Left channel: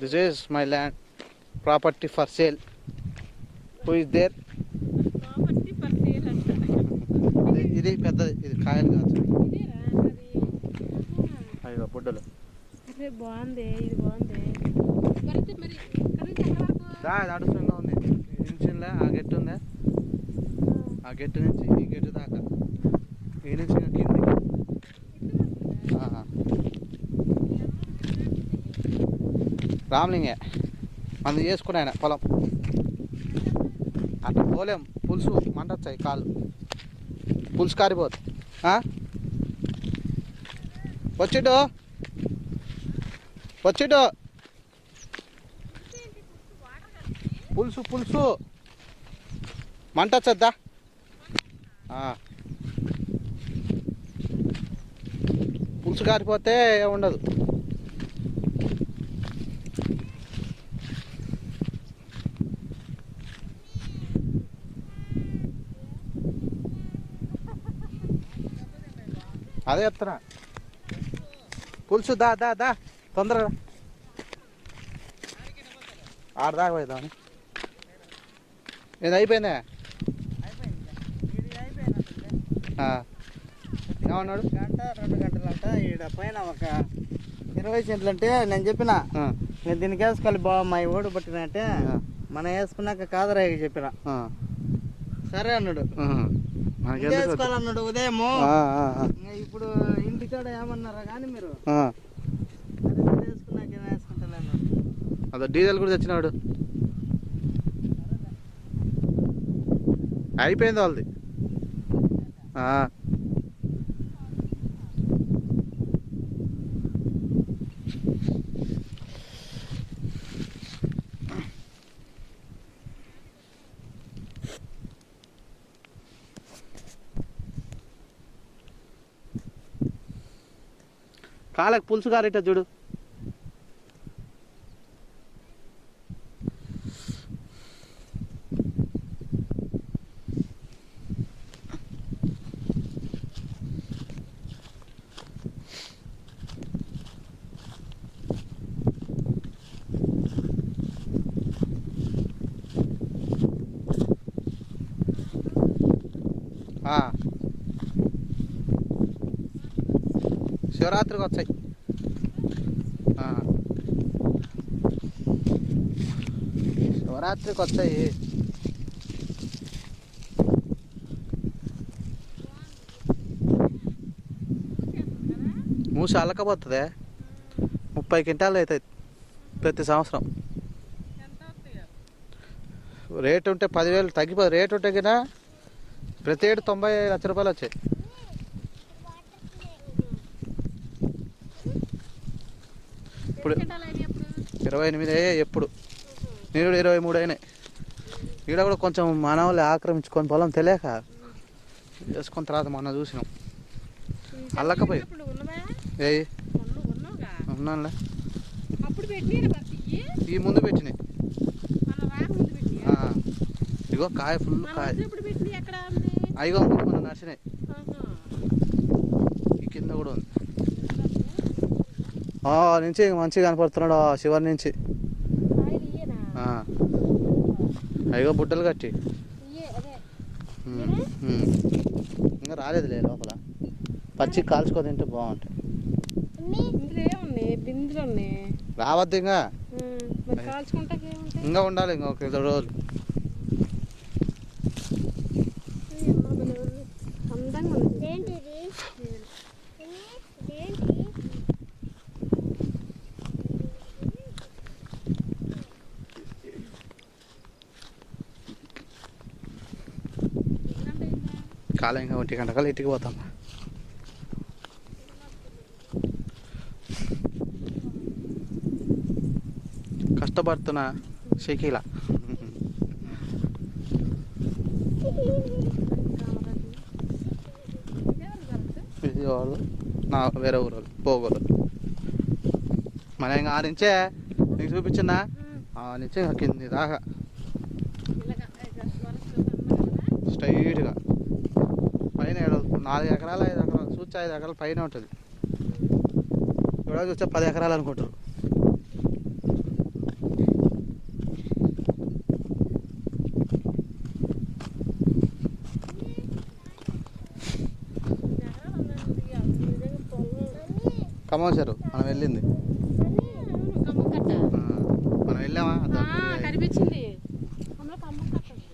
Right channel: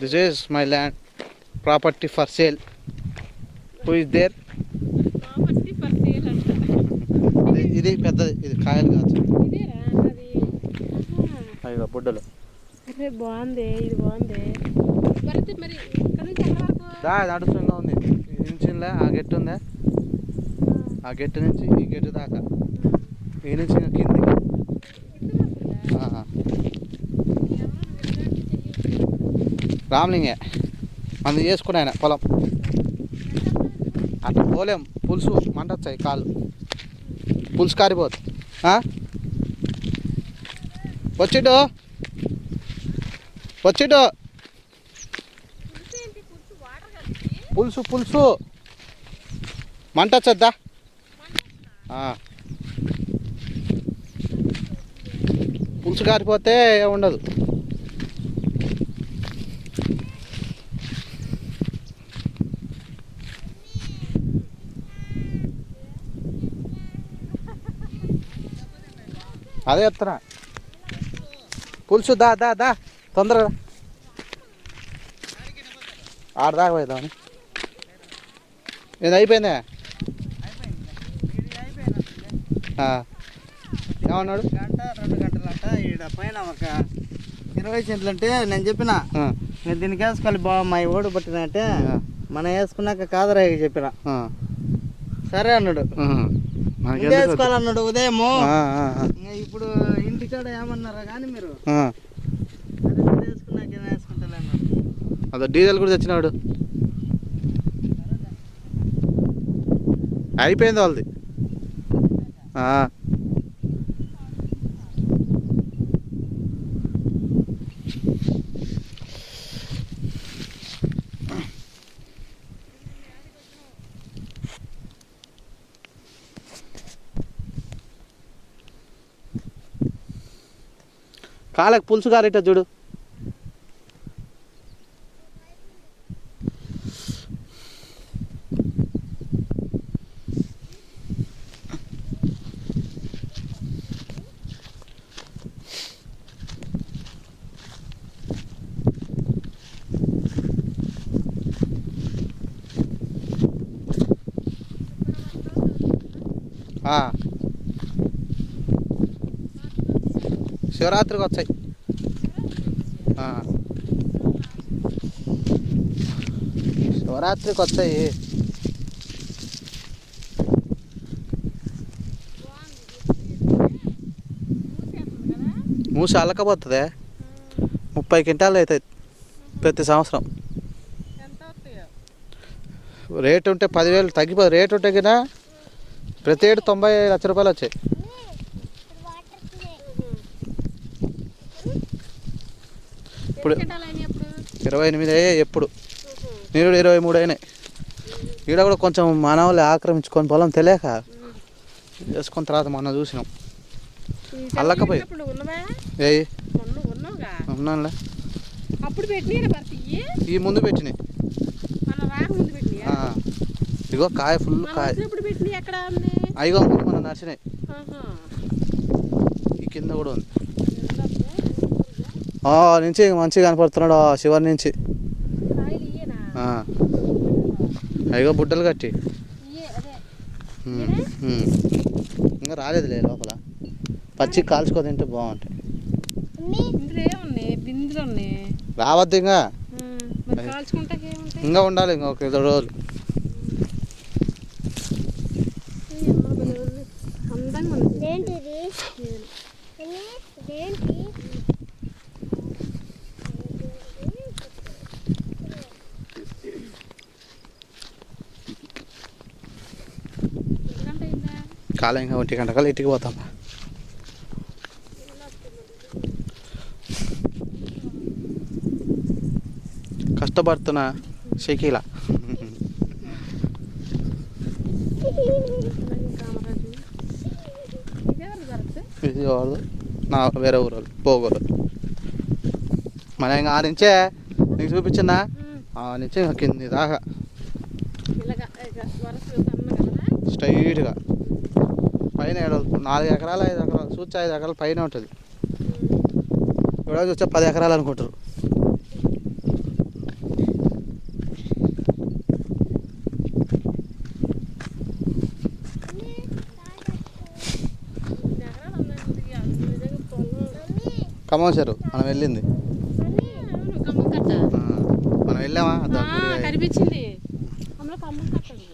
This is my land, property for sale. Who is there? Property for sale anta. ఇది పెద్దది, ఇది కాయలు కాదు. ఇదేరా అది. అయ్యో బుడ్డలు. అరే బాగుంది, ఇది బాగుంది. మరి ఇక్కడ నుంచి ఎక్కడ వరకు? నడుస్తుంగా ఉంది. ఇంచిన్లే ఆ గెట్టు ఉందా, ఆ గెట్టు నుంచి ఈ గెట్టు దాకా, ఈ నుంచి కిందికి. రామ్లింగే మంది చేసుకుని ఆయన పొలం. అట్లా పోలేం, పులుసు మంట వచ్చాయి కాళ్ళు, పులుసు కారిపోతుంది. వచ్చిడు పులుసు మంట వచ్చద్దా. పులుసు కారిపోతే ఉండదు. అదే చెప్తున్నా, పులుసు దా తొందరగా ఆడదాకా పోయిద్దామని. ఇది అయిపోయిందే. ఏమన్నాడు? గంట 2 గంటలంట. ఈడ పైన ఒక 20 సెంట్లు అంటే నేను చెప్పిన దీనికి వేసుకోవాలి బావ, మా ఓడి పట్టినంటే మనం వేసుకున్నాక కాదరా చెప్పిన. సరే అన్నాడు, వేసుకోవాలన్నాడు ఉదయము. ఇప్పుడు ఇంటికాడ ఏమన్నారా కానీ మీరు వేసుకున్నాక వేసుకుంటా అన్నాడు. అదే డీజిల్ కూడా తెచ్చినాడు. అయిపోయింది వాళ్ళది. కాళ్ళకి పులుసు కారేట చూడు. శివరాత్రికి వచ్చాయి. శివరాత్రికి వచ్చాయి. మూసి అల్లకపోతుంది. 30 క్వింటాలు అవుతాయి ప్రతి సంవత్సరం. రేటు ఉంటే 10,000 తగ్గిపోతుంది. రేటు ఉంటే కదా ప్రతి ఏడు 90 లక్షల రూపాయలు వచ్చాయి. ఇప్పుడు 28 అయ్యాయి. ఎప్పుడు నీరు 23 అయినాయి. ఈడ కూడా కొంచెం మానవులు ఆక్రమించుకొని పొలం తెలియక వేసుకున్న తర్వాత మొన్న చూసినాం. అల్లకపోయి ఉన్నానులే. ఈ ముందు పెట్టినాయి. ఇగో కాయ ఫుల్ కాయ. అయ్యో మన నర్సినాయి. ఈ కింద కూడా ఉంది. నుంచి మంచిగా కనపడుతున్నాడు శివరి నుంచి. అయ్యో బుడ్డలు కట్టి ఇంకా రాలేదులే లోపల. పచ్చి కాల్చుకో తింటే బాగుంటాయి. రావద్దు ఇంకా ఉండాలి. ఇంకా ఒక 2 రోజులు. కాలం ఇంకా 1 గంట కల్లా ఇంటికి పోతాం. కష్టపడుతున్నా షకీలా. ఇది నా వేరే ఊరు పోగోలు. మన ఇంకా ఆ నుంచే నీకు చూపించిందా, ఆ నుంచి కింది దాకా స్ట్రైట్గా పైన 4 ఎకరాలు 5 ఎకరాలు చూచి 5 ఎకరాలు పైన ఉంటుంది. ఇక్కడ వచ్చే 10 ఎకరాలు అనుకుంటారు. ఖమ్మం చెరువు మనం వెళ్ళింది. మనం వెళ్ళామా? కనిపించింది అందులో ఖమ్మం కట్టదు.